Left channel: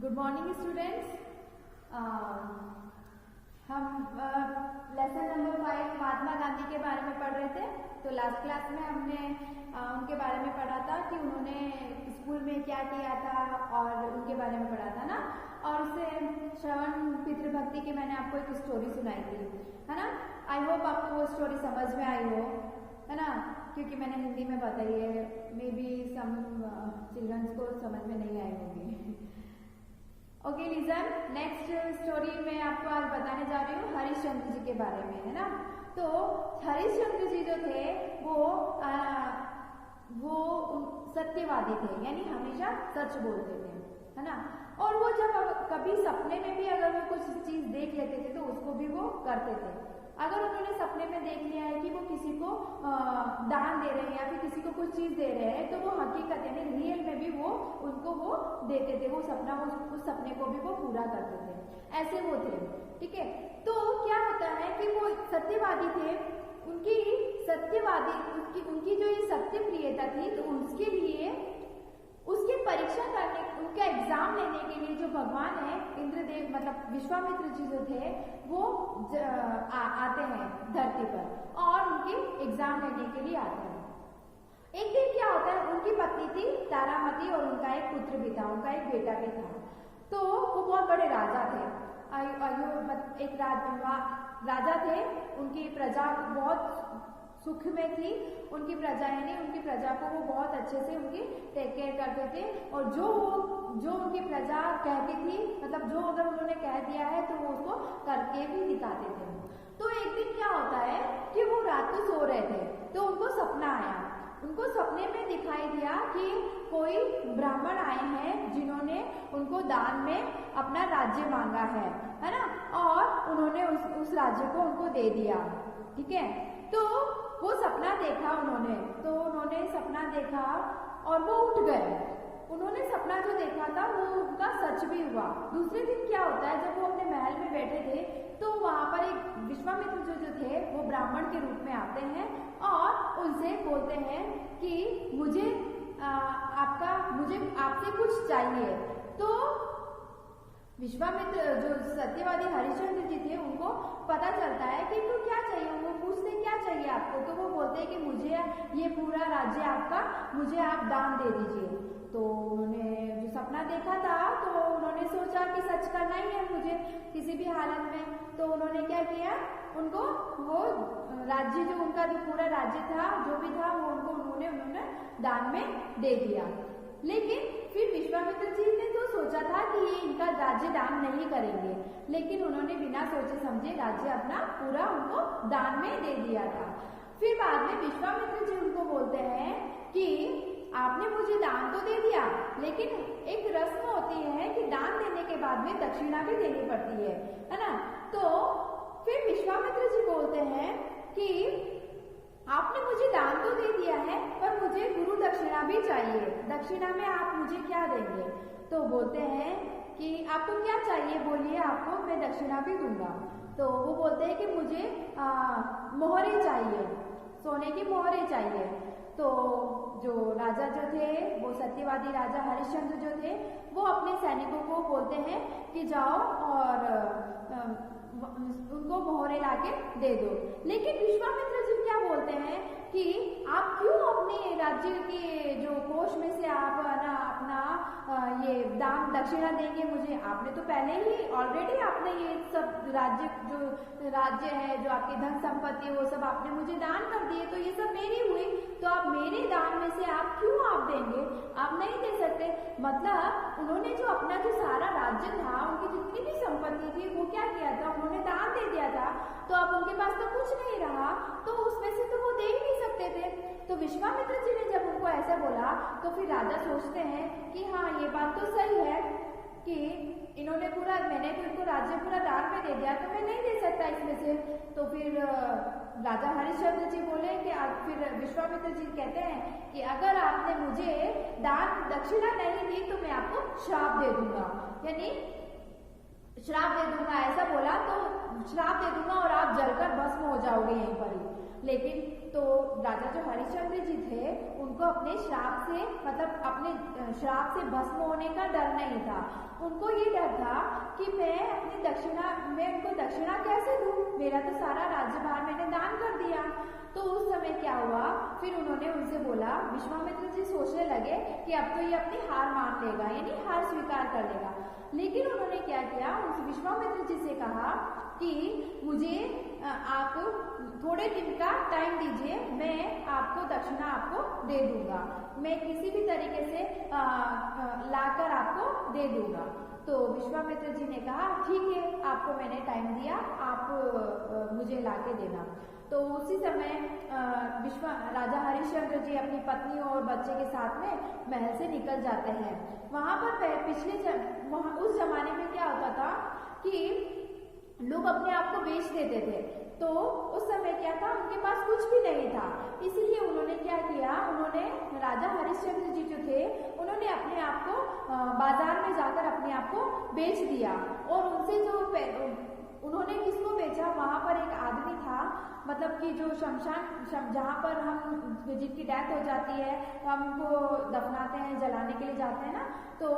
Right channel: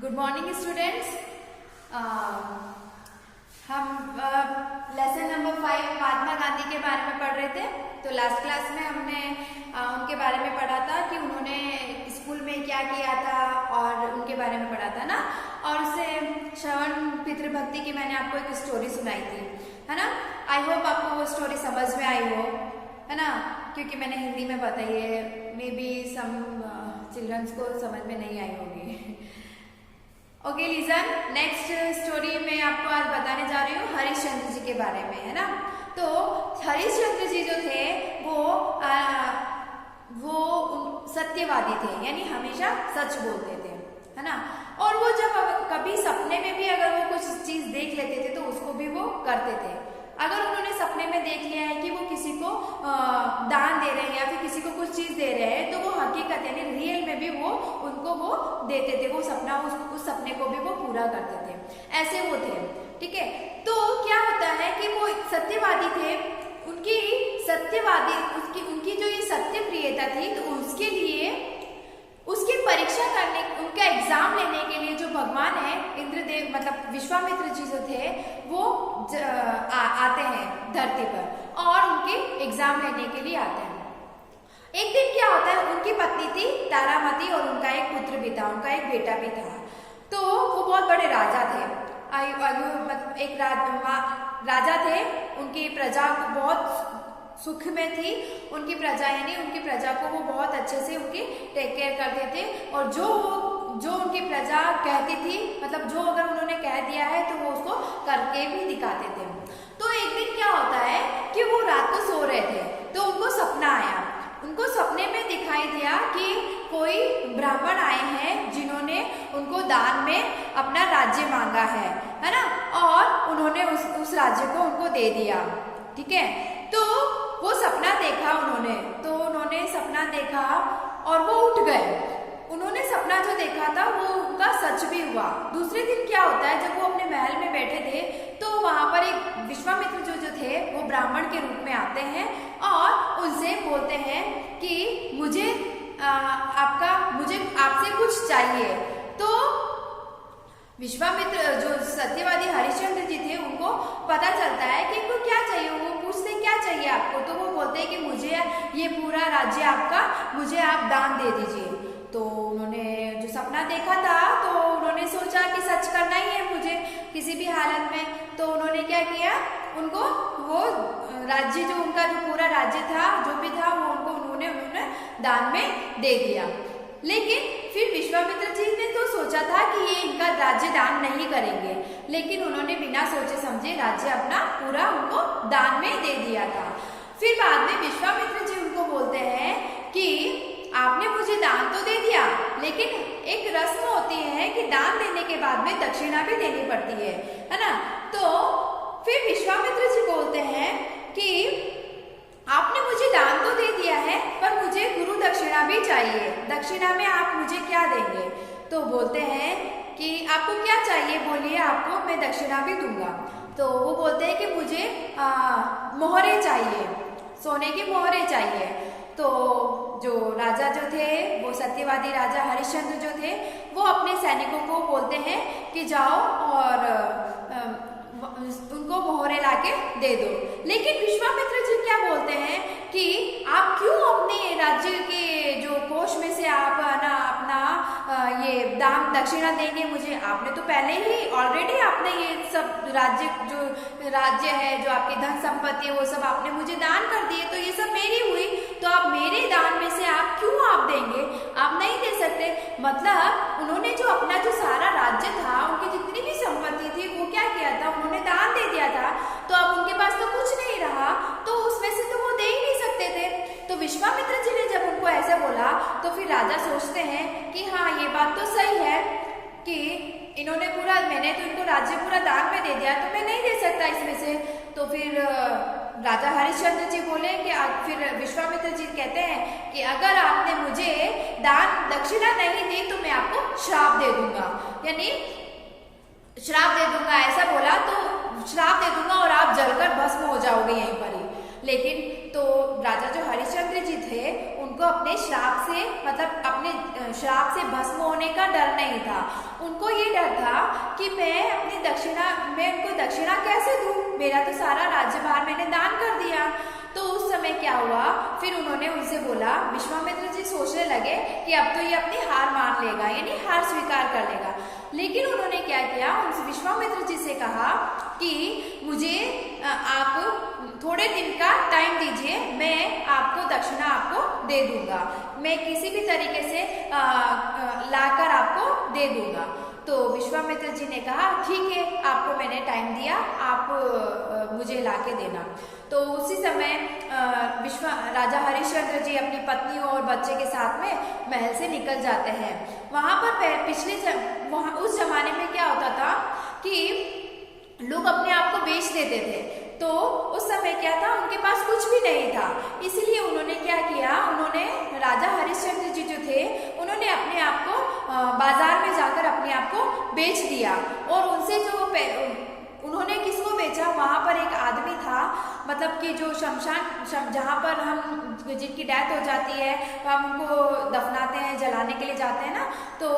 Good morning students. हम lesson number 5 Mahatma Gandhi के बारे में पढ़ रहे थे। तो लास्ट क्लास में हमने उनके बारे में पढ़ा था कि उन्होंने स्कूल में क्या किया था और उनके बारे में पढ़ा था ना। और उससे श्रवण पितृभक्ति की मैंने आपको एक स्टोरी सुनाई थी, है ना। आई होप आपको वो स्टोरी समझ में आई हो, है ना, क्योंकि मैंने हिंदी में बताई है। मे बी सम चिल्ड्रंस को समझ में नहीं आई होगी। ओके लिसन, नेक्स्ट स्टोरी मैं आपको आज बताने जा रही हूँ हरिश्चंद्र जी के बारे में, है ना। तो हरिश्चंद्र जी जो थे वो सत्यवादी थे, यानी हमेशा सच बोलते थे, है ना। और वो जब कभी सपने में भी अगर वो कुछ चीज देख लेते थे तो उसको भी वो करते थे। अगर उन्होंने सपने में देख लिया है कि वो किसी को दान दे रहे हैं या फिर किसी को कुछ चीज दे रहे हैं, तो वो हकीकत यानी रियल में भी वो उनको वो देते थे। वो सपना उस सपने को भी वो पूरा करते थे, ऐसे वो थे, ठीक है। तो क्या होता है कि वो सत्यवादी थे, उनकी जो ये सत्य प्रियता थी, तो उसके लिए उसकी परीक्षा करने, उनका एग्जाम लेने के लिए जो भगवान है इंद्रदेव मतलब विश्वामित्र जी जो थे वो आते हैं धरती पर और उनके एग्जाम लेने के लिए आते हैं। एक दिन क्या होता है, उनकी पत्नी थी तारामती और उनका एक पुत्र भी था, उनका एक बेटा भी था। तो वो बहुत बड़े राजा थे, एक राजा थे। उनकी प्रजा को बहुत सुख में थी, उनकी प्रजा यानी उनकी प्रजा को वो बहुत अच्छे से उनकी टेक केयर करते थे। और जो उनकी प्रजा कहती थी, मतलब जो अगर उन्होंने कह दिया है तो वो उसको करके भी दिखाते थे। तो एक दिन क्या होता है कि वो रात को सो रहे थे, तो उनको सपना आया। उनको सपने में दिखाई दिया कि कोई ब्राह्मण आए हैं जिन्होंने उनको दान में अपना राज्य मांगा है ना। और उन्होंने उस राज्य को उनको दे दिया, ठीक है। तो वो सपना देखा उन्होंने, तो उन्होंने सपना देखा और वो उठ गए। उन्होंने सपना जो देखा था वो उनका सच भी हुआ। दूसरे दिन क्या होता है, जब वो अपने महल में बैठे थे तो वहां पर एक विश्वामित्र जो थे वो ब्राह्मण के रूप में आते हैं और उनसे बोलते हैं कि मुझे आपसे कुछ चाहिए। तो विश्वामित्र जो सत्यवादी हरिश्चंद्र जी थे उनको पता चलता है कि इनको क्या चाहिए। वो पूछते क्या चाहिए आपको, तो वो बोलते हैं कि मुझे ये पूरा राज्य आपका, मुझे आप दान दे दीजिए। तो उन्होंने जो सपना देखा था तो उन्होंने सोचा कि सच करना ही है मुझे किसी भी हालत में। तो उन्होंने क्या किया, उनको वो राज्य जो उनका जो पूरा राज्य था जो भी था वो उन्होंने दान में दे दिया। लेकिन फिर विश्वामित्र जी ने तो सोचा था कि ये इनका राज्य दान नहीं करेंगे, लेकिन उन्होंने बिना सोचे समझे राज्य अपना पूरा उनको दान में दे दिया था। फिर बाद में विश्वामित्र जी उनको बोलते हैं कि आपने मुझे दान तो दे दिया, लेकिन एक रस्म होती है कि दान देने के बाद में दक्षिणा भी देनी पड़ती है ना। तो फिर विश्वामित्र जी बोलते हैं कि आपने मुझे दान तो दे दिया है, पर मुझे गुरु दक्षिणा भी चाहिए। दक्षिणा में आप मुझे क्या देंगे? तो बोलते हैं कि आपको क्या चाहिए बोलिए, आपको मैं दक्षिणा भी दूंगा। तो वो बोलते हैं कि मुझे मोहरे चाहिए, सोने की मोहरे चाहिए। तो जो राजा जो थे वो सत्यवादी राजा हरिश्चंद्र जो थे वो अपने सैनिकों को बोलते हैं कि जाओ और उनको मोहरे लाके दे दो। लेकिन विश्वामित्र जी क्या बोलते हैं कि आप क्यों अपने राज्य के जो कोष में से आप ना अपना ये दान दक्षिणा देंगे मुझे? आपने तो पहले ही ऑलरेडी आपने ये सब राज्य है जो आपकी धन संपत्ति है वो सब आपने मुझे दान कर दिए, तो ये सब मेरी हुई, तो आप मेरे दान में से आप क्यों आप देंगे? आप नहीं दे सकते। मतलब उन्होंने जो अपना जो सारा राज्य था, उनकी जितनी भी संपत्ति थी वो क्या किया था, उन्होंने दान दे दिया था। तो अब उनके पास तो कुछ नहीं रहा, तो उसमें से तो वो दे ही नहीं सकते थे। तो विश्वामित्र जी ने जब उनको ऐसे बोला तो फिर राजा सोचते हैं कि हाँ ये बात तो सही है कि इन्होंने मैंने तो इनको राज्य पूरा दान में दे दिया, तो मैं नहीं दे सकता इसमें से। तो फिर राजा हरिश्चंद्र जी बोले कि फिर विश्वामित्र जी कहते हैं कि अगर आपने मुझे दान दक्षिणा नहीं दी तो मैं आपको श्राप दे दूंगा, यानी श्राप दे दूंगा। ऐसा बोला तो श्राप दे दूंगा और आप जलकर भस्म हो जाओगे यहीं पर ही। लेकिन तो राजा जो हरिश्चंद्र जी थे उनको अपने श्राप से मतलब अपने श्राप से भस्म होने का डर नहीं था। उनको ये डर था कि मैं उनको दक्षिणा कैसे दूँ, मेरा तो सारा राज्यभार मैंने दान कर दिया। तो उस समय क्या हुआ, फिर उन्होंने उनसे बोला, विश्वामित्र जी सोचने लगे कि अब तो ये अपनी हार मान लेगा, यानी हार स्वीकार कर लेगा। लेकिन उन्होंने क्या किया, उन विश्वामित्र जी से कहा कि मुझे आप थोड़े दिन का टाइम दीजिए, मैं आपको दक्षिणा आपको दे दूंगा, मैं किसी भी तरीके से लाकर आपको दे दूंगा। तो विश्वामित्र जी ने कहा ठीक है, आपको मैंने टाइम दिया, आप मुझे लाके देना। तो उसी समय राजा हरिश्चंद्र जी अपनी पत्नी और बच्चे के साथ में महल से निकल जाते हैं। वहाँ पर वहाँ उस जमाने में क्या होता था कि लोग अपने आप को बेच देते थे। तो उस समय क्या था, उनके पास कुछ भी नहीं था, इसलिए उन्होंने क्या किया, उन्होंने राजा हरिश्चंद्र जी जो थे उन्होंने अपने आप को बाजार में जाकर अपने आप को बेच दिया। और उनसे जो उन्होंने किसको बेचा, वहाँ पर एक आदमी था, मतलब कि जो शमशान जहाँ पर हम जिनकी डेथ हो जाती है हम उनको दफनाते हैं, जलाने के लिए जाते हैं ना, तो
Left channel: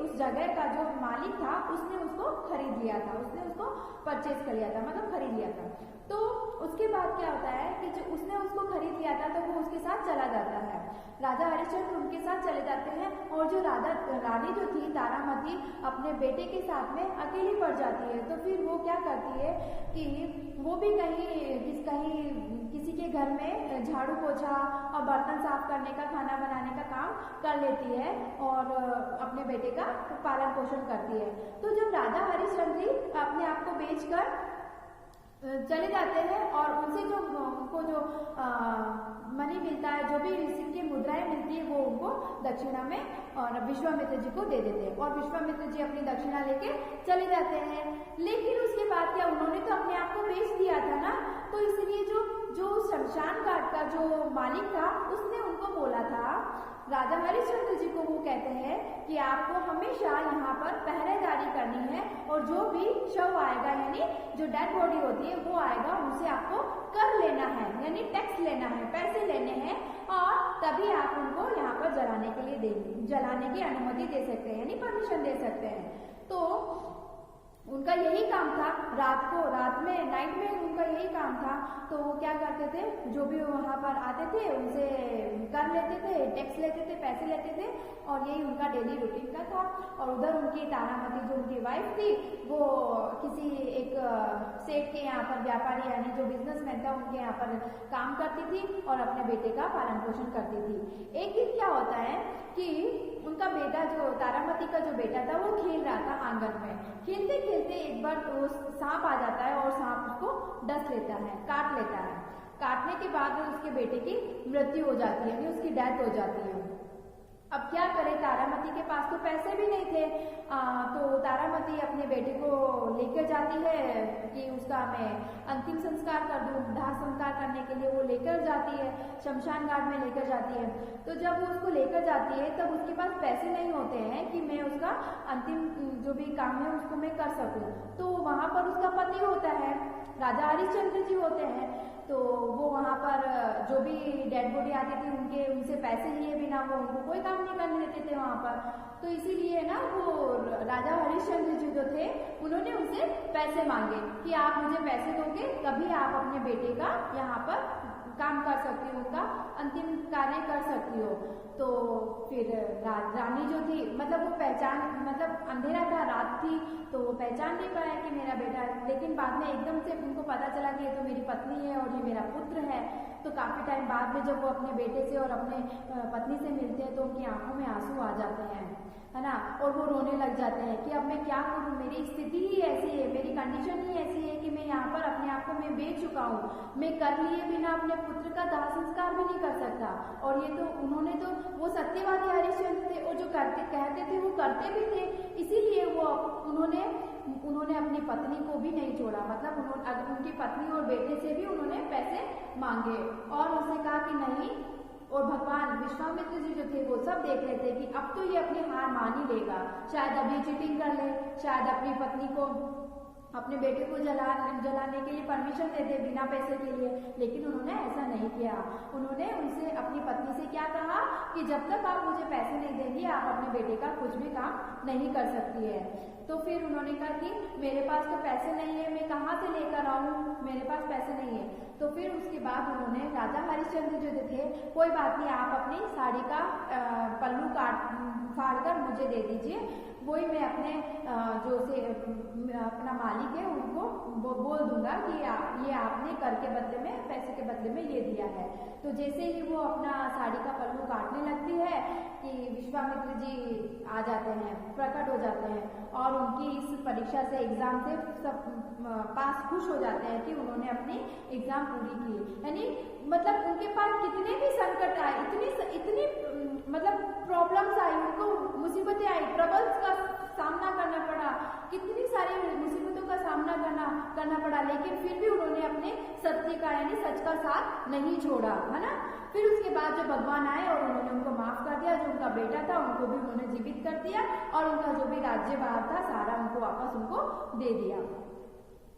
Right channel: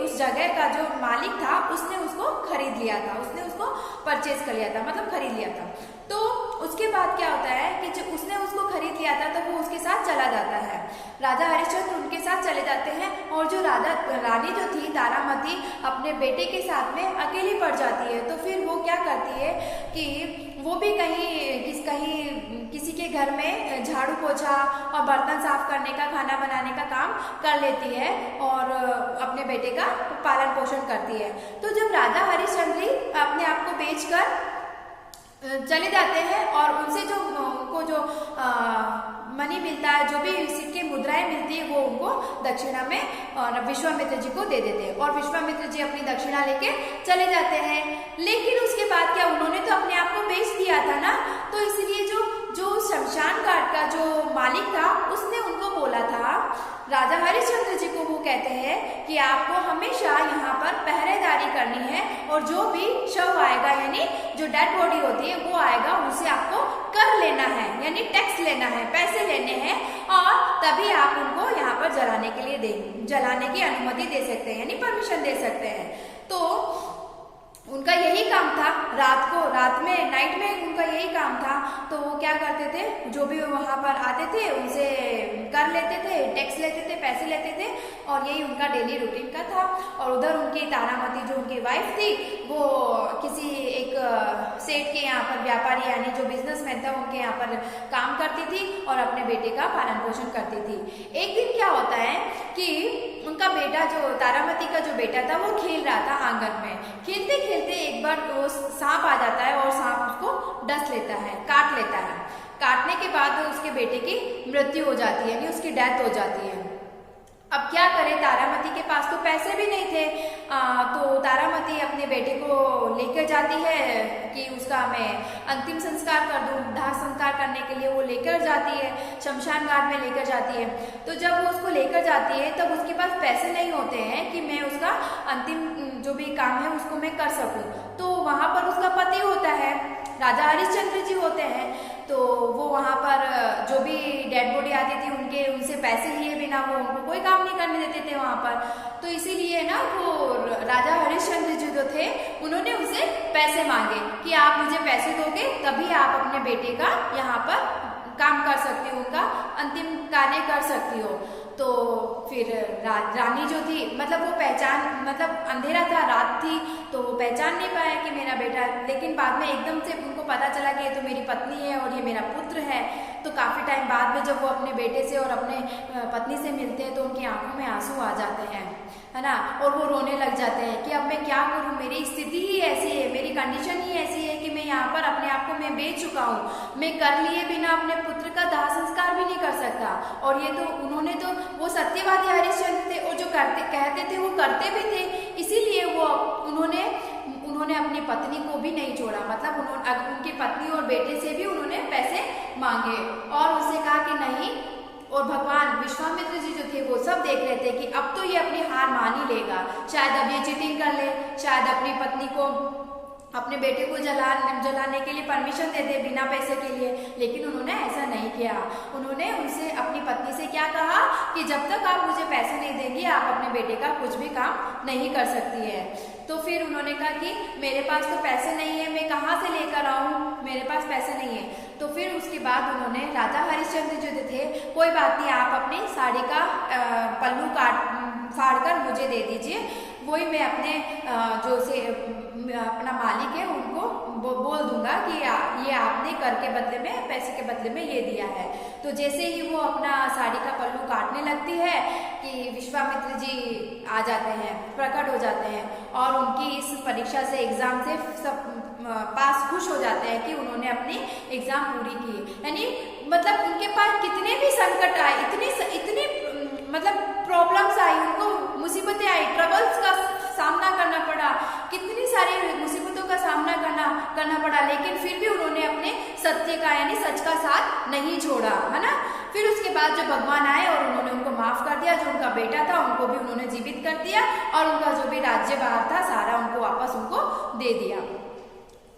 उस जगह का जो मालिक था उसने उसको खरीद लिया था, उसने उसको परचेज कर लिया था, मतलब खरीद लिया था। तो उसके बाद क्या होता है कि जो उसने उसको खरीद लिया था तो वो उसके साथ चला जाता है, राजा हरिश्चंद्र उनके साथ चले जाते हैं। और जो रानी जो थी तारामती अपने बेटे के साथ में अकेली पड़ जाती है। तो फिर वो क्या करती है कि वो भी कहीं किसी के घर में झाड़ू पोछा और बर्तन साफ करने का, खाना बनाने का काम कर लेती है और अपने बेटे का पालन पोषण करती है। तो जब राजा हरिश्चंद्र अपने आप को बेचकर चले जाते हैं और उनसे उनको जो मनी मिलता है, जो भी सिक्के मुद्राएं मिलती है, वो उनको दक्षिणा में और विश्वामित्र जी को दे देते हैं और विश्वामित्र जी अपनी दक्षिणा लेके चले जाते हैं। लेकिन उसके बाद क्या, उन्होंने तो अपने आप को बेच दिया था ना, तो इसलिए जो शमशान घाट का जो मालिक था उसने उनको बोला था, राजा हरिश्चंद्र जी को वो कहते हैं कि आपको हमेशा यहाँ पर पहरेदारी करनी है और जो भी शव आएगा, यानी जो डेड बॉडी होती है वो आएगा, उसे आपको कर लेना है, यानी टैक्स लेना है, पैसे लेने हैं, और तभी आप उनको यहाँ पर जलाने की अनुमति दे सकते हैं, यानी परमिशन दे सकते हैं। तो उनका यही काम था, नाइट में उनका यही काम था। तो वो क्या करते थे, जो भी वहाँ पर आते थे उनसे कर लेते थे, टैक्स लेते थे, पैसे लेते थे, और यही उनका डेली रूटीन का था। और उधर उनकी तारामती जो उनकी वाइफ थी वो किसी एक सेठ के यहाँ पर व्यापारी, यानी जो बिजनेसमैन था, उनके यहाँ पर काम करती थी और अपने बेटे का पालन पोषण करती थी। एक दिन क्या होता है कि उनका बेटा, जो तारामती का जो बेटा था, वो खेल रहा था आंगन में। खेलते खेलते एक बार वो सांप आ जाता है और सांप उसको डस लेता है, काट लेता है। काटने के बाद उसके बेटे की मृत्यु हो जाती है, यानी उसकी डेथ हो जाती है। अब क्या करे, तारामती के पास तो पैसे भी नहीं थे। तो तारामती अपने बेटे को लेकर जाती है कि उसका मैं अंतिम संस्कार कर दूं, दाह संस्कार करने के लिए वो लेकर जाती है, शमशान घाट में लेकर जाती है। तो जब वो उसको लेकर जाती है तब उसके पास पैसे नहीं होते हैं कि मैं उसका अंतिम जो भी काम है उसको मैं कर सकूं। तो वहाँ पर उसका पति होता है, राजा हरिश्चंद्र जी होते हैं। तो वो वहाँ पर जो भी डेड बॉडी आती थी उनसे पैसे लिए बिना वो उनको कोई काम नहीं करने देते थे वहाँ पर। तो इसीलिए ना वो राजा हरिश्चंद्र जी जो थे उन्होंने उनसे पैसे मांगे कि आप मुझे पैसे दोगे तभी आप अपने बेटे का यहाँ पर काम कर सकती हो, उनका अंतिम कार्य कर सकती हो। तो फिर रानी जो थी, मतलब वो मतलब अंधेरा था, रात थी, तो वो पहचान नहीं पाया कि मेरा बेटा। लेकिन बाद में एकदम से उनको पता चला कि ये तो मेरी पत्नी है और ये मेरा पुत्र है। तो काफ़ी टाइम बाद में जब वो अपने बेटे से और अपने पत्नी से मिलते हैं तो उनकी आंखों में आंसू आ जाते हैं, है ना, और वो रोने लग जाते हैं कि अब मैं क्या करूं, मेरी स्थिति ही ऐसी है, मेरी कंडीशन ही ऐसी है कि मैं यहाँ पर अपने आप को मैं बेच चुका हूँ, मैं कर लिए बिना अपने पुत्र का दाह संस्कार भी नहीं कर सकता। और ये तो उन्होंने तो वो सत्यवादी हरिश्चंद्र थे और जो कहते थे वो करते भी थे, इसीलिए वो उन्होंने अपनी पत्नी को भी नहीं छोड़ा, मतलब उनकी पत्नी और बेटे से भी उन्होंने पैसे मांगे और उससे कहा कि नहीं। और भगवान विश्वामित्र जी जो थे वो सब देख रहे थे कि अब तो ये अपनी हार मान ही लेगा, शायद अब ये चीटिंग कर ले, शायद अपनी पत्नी को अपने बेटे को जलाने के लिए परमिशन देते बिना पैसे के लिए, लेकिन उन्होंने ऐसा नहीं किया। उन्होंने उनसे, अपनी पत्नी से क्या कहा कि जब तक आप मुझे पैसे नहीं देंगी आप अपने बेटे का कुछ भी काम नहीं कर सकती है। तो फिर उन्होंने कहा कि मेरे पास तो पैसे नहीं है, मैं कहाँ से लेकर आऊँ, मेरे पास पैसे नहीं है। तो फिर उसके बाद उन्होंने, राजा हरिश्चंद्र जो थे, कोई बात नहीं, आप अपनी साड़ी का पल्लू फाड़ कर मुझे दे दीजिए, वही मैं अपने जो से अपना मालिक है उनको बोल दूंगा कि ये आपने कर के बदले में, पैसे के बदले में ये दिया है। तो जैसे ही वो अपना साड़ी का पल्लू काटने लगती है कि विश्वामित्र जी आ जाते हैं, प्रकट हो जाते हैं और उनकी इस परीक्षा से, एग्जाम से सब पास खुश हो जाते हैं कि उन्होंने अपनी एग्जाम पूरी की। यानी मतलब उनके पास कितने भी संकट आए, इतनी मतलब प्रॉब्लम्स आई, उनको मुसीबतें आई, ट्रबल्स का सामना करना पड़ा, कितनी सारी मुसीबतों का सामना करना पड़ा, लेकिन फिर भी उन्होंने अपने सत्य का, यानी सच का साथ नहीं छोड़ा, है ना। फिर उसके बाद जो भगवान आए और उन्होंने उनको माफ कर दिया, जो उनका बेटा था उनको भी उन्होंने जीवित कर दिया और उनका जो भी राज्य बाहर था सारा उनको वापस उनको दे दिया।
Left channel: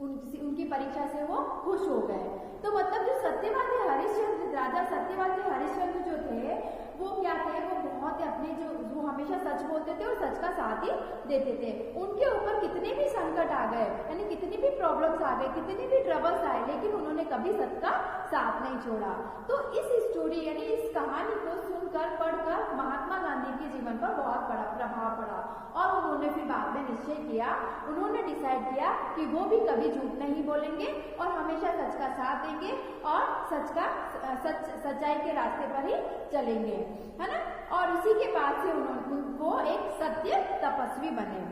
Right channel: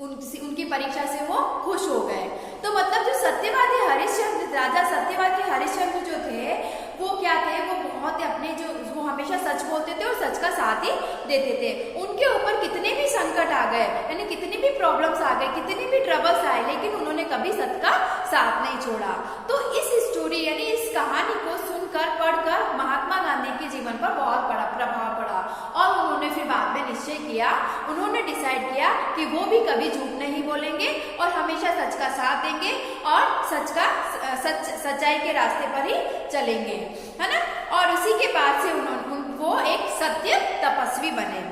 उनकी परीक्षा से वो खुश हो गए। तो मतलब जो सत्यवादी हरिश्चंद्र, राजा सत्यवादी हरिश्चंद्र जो थे वो क्या थे, वो बहुत अपने वो हमेशा सच बोलते थे और सच का साथ ही देते थे। उनके ऊपर कितने भी संकट आ गए, यानी कितनी भी प्रॉब्लम्स आ गए, कितनी भी ट्रबल्स आए, लेकिन उन्होंने कभी सच का साथ नहीं छोड़ा। तो इस स्टोरी यानी इस कहानी को सुनकर, पढ़कर महात्मा गांधी के जीवन पर बहुत बड़ा प्रभाव पड़ा और उन्होंने फिर बाद में निश्चय किया, उन्होंने डिसाइड किया कि वो भी कभी झूठ नहीं बोलेंगे और हमेशा सच का साथ देंगे और सच्चाई के रास्ते पर ही चलेंगे, है ना। और इसी के बाद से वो एक सत्य तपस्वी बने।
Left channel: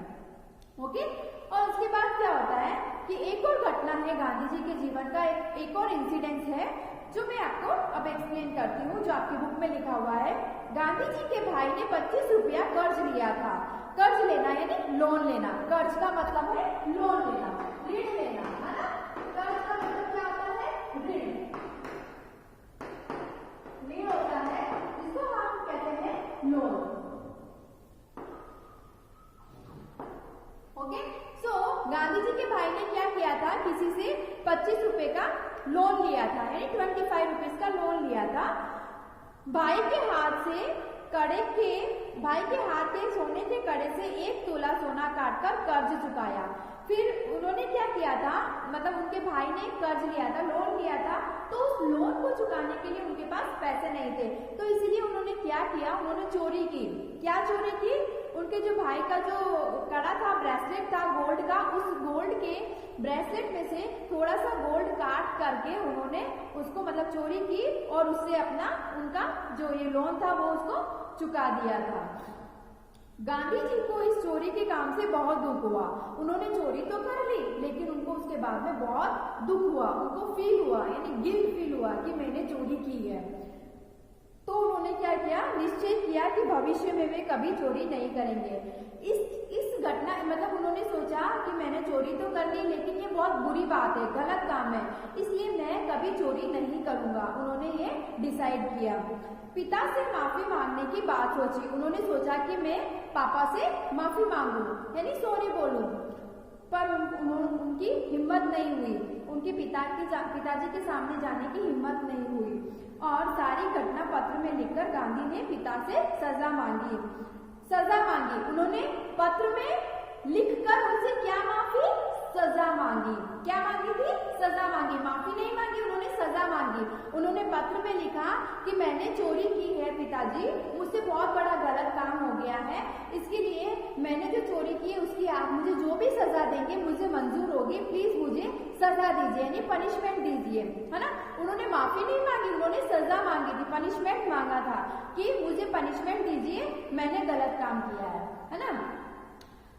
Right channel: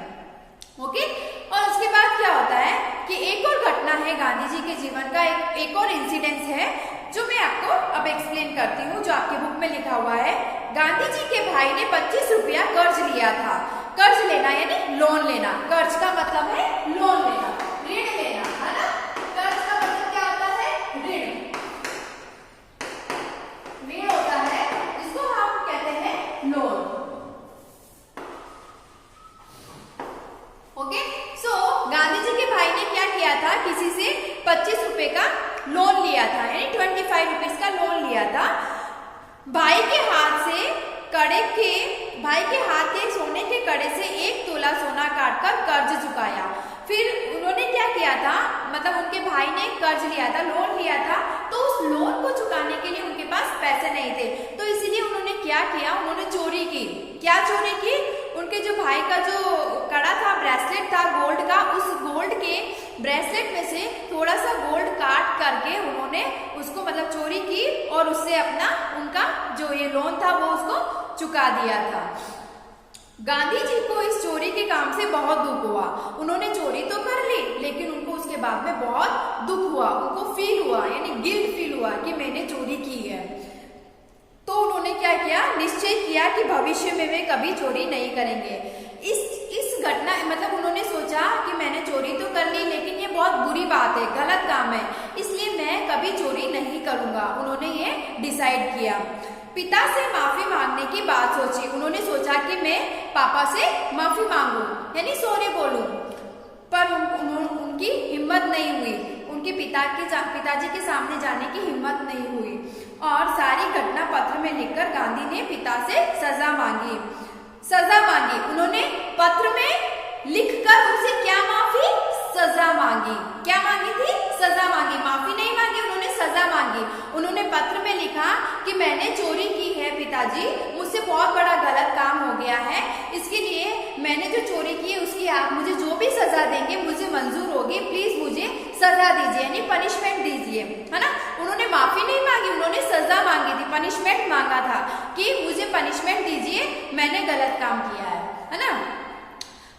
ओके। और उसके बाद क्या होता है कि एक और घटना है गांधी जी के जीवन का, एक और इंसिडेंस है जो मैं आपको अब एक्सप्लेन करती हूँ, जो आपके बुक में लिखा हुआ है। गांधी जी के भाई ने 25 रुपया कर्ज लिया था। कर्ज लेना यानी लोन लेना, कर्ज का मतलब है लोन लेना, ऋण लेना, है ना। कर्ज का मतलब क्या होता है, ऋण। ऋण होता है जिसको हम कहते हैं लोन। ओके। सो गांधी जी के भाई ने क्या किया था, किसी से 25 रुपए का लोन लिया था, यानी 25 रुपीज का लोन लिया था। भाई के हाथ के सोने के कड़े से 1 तोला सोना काटकर कर्ज चुकाया। फिर उन्होंने क्या किया था, मतलब उनके भाई ने कर्ज लिया था, लोन लिया था, तो उस लोन को चुकाने के लिए उनके पास पैसे नहीं थे, तो इसीलिए उन्होंने क्या किया, उन्होंने चोरी की। क्या चोरी की, उनके जो भाई का जो कड़ा था, ब्रेसलेट था गोल्ड का, उस गोल्ड के ब्रेसलेट में से थोड़ा सा गोल्ड काट करके उन्होंने उसको मतलब चोरी की और उससे अपना उनका जो ये लोन था वो उसको चुका दिया था। गांधी जी को इस चोरी के काम से बहुत दुख हुआ। उन्होंने चोरी तो कर ली, लेकिन उनको उसके बाद में बहुत दुख हुआ, उनको फील हुआ, यानी गिल्ट फील हुआ कि मैंने चोरी की है। तो उन्होंने क्या किया, निश्चय किया कि भविष्य में वे कभी चोरी नहीं करेंगे। इस घटना मतलब उन्होंने सोचा कि मैंने चोरी तो कर ली, लेकिन ये बहुत बुरी बात है, गलत काम है, इसलिए मैं कभी चोरी नहीं करूंगा। उन्होंने ये डिसाइड किया। पिता से माफी मांगने की बात सोची। उन्होंने सोचा कि मैं पापा से माफी मांगू, यानी सॉरी बोलूं, पर उनकी हिम्मत नहीं हुई, उनके पिताजी के सामने जाने की हिम्मत नहीं हुई और सारी घटना पत्र में लिखकर गांधी ने पिता से सजा मांगी। उन्होंने पत्र में लिखकर उनसे क्या माफी, सजा मांगी। क्या मांगी थी, सजा मांगी, माफी नहीं मांगी, उन्होंने सजा मांगी। उन्होंने पत्र में लिखा कि मैंने चोरी की है पिताजी, मुझसे बहुत बड़ा गलत काम हो गया है, इसके लिए मैंने जो चोरी की है उसकी आप मुझे जो भी सजा देंगे मुझे मंजूर होगी, प्लीज मुझे सजा दीजिए, यानी पनिशमेंट दीजिए, है ना। उन्होंने माफी नहीं मांगी, उन्होंने सजा मांगी थी, पनिशमेंट मांगा था कि मुझे पनिशमेंट दीजिए, मैंने गलत काम किया है ना।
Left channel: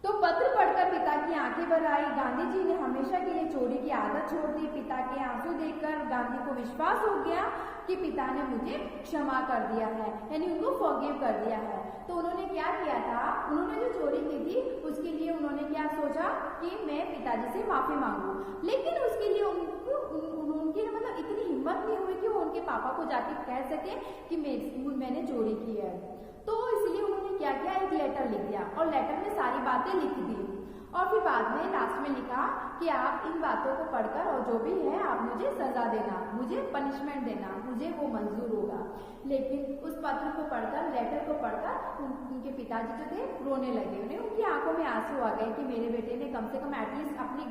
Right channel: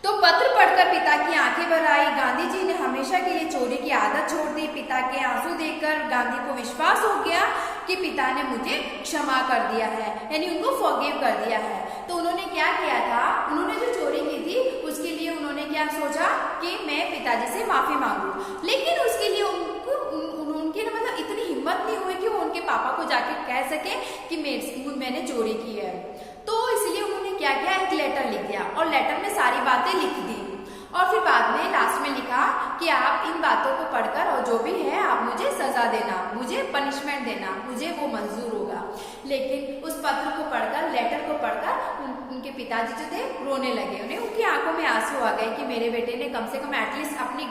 तो पत्र पढ़कर पिता की आंखें भर आई। गांधी जी ने हमेशा के लिए चोरी की आदत छोड़ दी। पिता के आंसू देखकर गांधी को विश्वास हो गया कि पिता ने मुझे क्षमा कर दिया है, यानी उनको फॉरगिव कर दिया है। तो उन्होंने क्या किया था, उन्होंने जो चोरी की थी उसके लिए उन्होंने क्या सोचा कि मैं पिताजी से माफी मांगू, लेकिन उसके लिए उनकी ना मतलब इतनी हिम्मत नहीं हुई कि वो उनके पापा को जाके कह सके कि मैंने चोरी की है। तो इसलिए उन्होंने क्या किया, एक लेटर लिख दिया और लेटर में सारी बातें लिख दी और फिर बाद में लास्ट में लिखा कि आप इन बातों को पढ़कर और जो भी है आप मुझे सजा देना, मुझे पनिशमेंट देना, मुझे वो मंजूर होगा। लेकिन उस पत्र को पढ़कर, लेटर को पढ़कर उनके पिताजी जो थे रोने लगे। उन्हें उनकी आंखों में आंसू आ गए कि मेरे बेटे ने कम से कम एटलीस्ट अपनी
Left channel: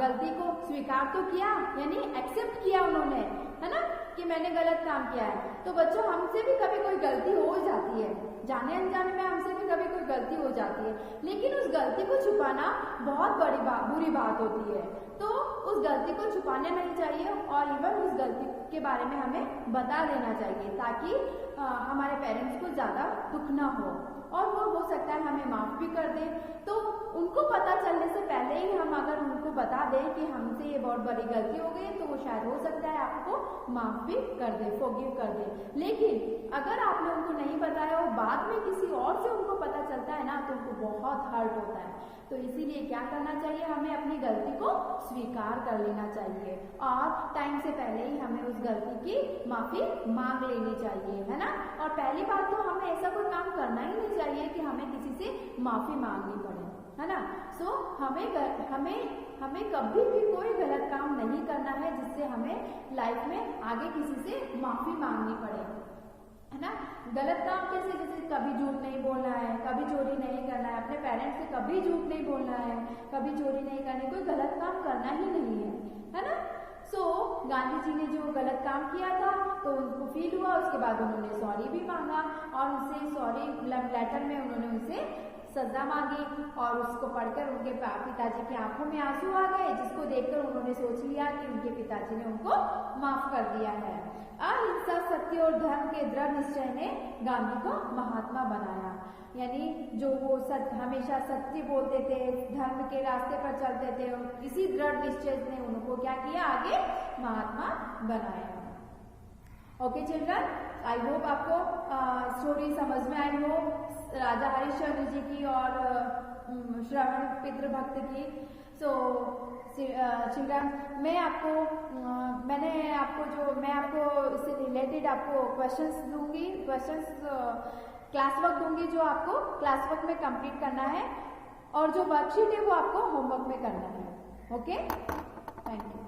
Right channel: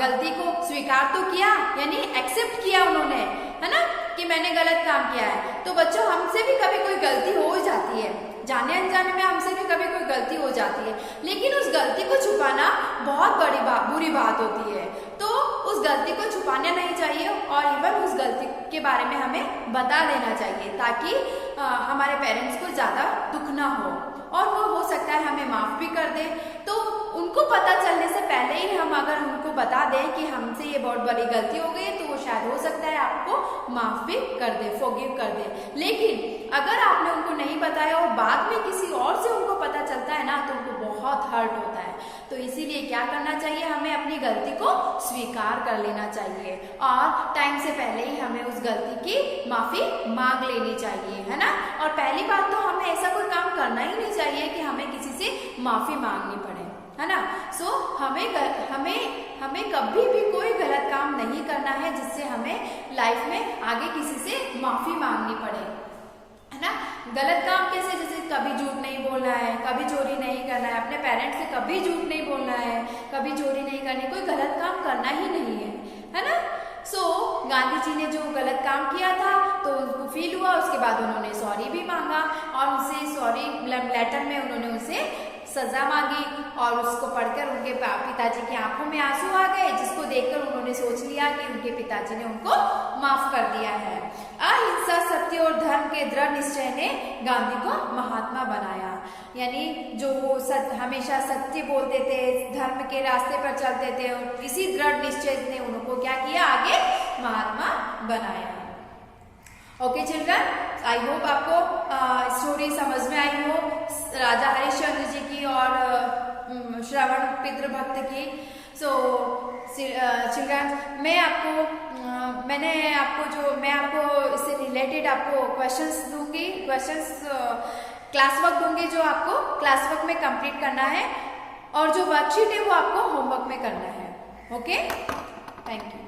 गलती को स्वीकार तो किया, यानी एक्सेप्ट किया उन्होंने, है ना, कि मैंने गलत काम किया है। तो बच्चों हमसे भी कभी कोई गलती हो जाती है, जाने अनजाने में हमसे भी कभी कोई गलती हो जाती है, लेकिन उस गलती को छुपाना बहुत बुरी बात होती है। तो उस गलती को छुपाना नहीं चाहिए और इवन उस गलती के बारे में हमें बता देना चाहिए, ताकि हमारे पेरेंट्स को ज़्यादा दुख ना हो और वो हो सकता है हमें माफ़ भी कर दे। तो उनको पता चलने से पहले ही हम अगर उनको बता दें कि हमसे ये बहुत बड़ी गलती हो गई, तो वो शायद हो सकता है आपको माफ़ भी कर दे, फॉरगिव कर दे। लेकिन अगर आपने उनको नहीं बताया और बाद में किसी और से उनको पता चलता है ना, तो उनको बहुत हर्ट होता है। तो इसीलिए क्या करना चाहिए, हमें अपनी गलती को स्वीकार कर लेना चाहिए और टाइम से पहले ही हमें उस गलती की माफ़ी मांग लेनी चाहिए, है ना। और पहली बात तो हमें ऐसा कोई काम करना ही नहीं चाहिए कि हमें किसी से माफ़ी मांगनी पड़े, है ना। सो हमें कभी भी कोई गलत काम नहीं करना है जिससे हमें लाइफ में आगे किसी से माफ़ी मांगनी पड़े, है ना। गलत काम कैसे, जैसे कभी झूठ नहीं बोलना है, कभी चोरी नहीं करना है, अपने पेरेंट्स से कभी झूठ नहीं बोलना है, कभी चोरी नहीं करनी, कोई गलत काम करना ही नहीं है ना। गांधी जी ने जो गलत काम किया था तो उनको फील हुआ, उसके बाद उन्होंने सॉरी भी मांगा और उनसे सॉरी लेटर में उन्होंने उनसे सजा मांगी और उसको पढ़कर उनके पिताजी की आंखों में आंसू आ गए, जिसको देखकर उन्होंने सोच लिया कि उनके पिताजी ने उनको माफ कर दिया है। अहिंसा, सत्य और धर्म के दृढ़ निश्चय ने गांधी को महात्मा बनाया, यानी जो वो हमेशा सत्य बोलते थे, धर्म के रास्ते पर चलते थे, और इसी दृढ़ निश्चय ने उनको क्या किया, आगे महात्मा बनाया। ओके चिल्ड्रन, आई होप आपको स्टोरी समझ में आई हो राजा हरिश्चंद्र जी की और श्रवण पितृभक्त की। सो चिल्ड्रन, मैं आपको इससे रिलेटेड आपको क्वेश्चंस दूंगी, क्लास वर्क दूंगी जो आपको क्लास वर्क में कंप्लीट करना है, और जो वर्कशीट है वो आपको होमवर्क में करना है। Okay, thank you.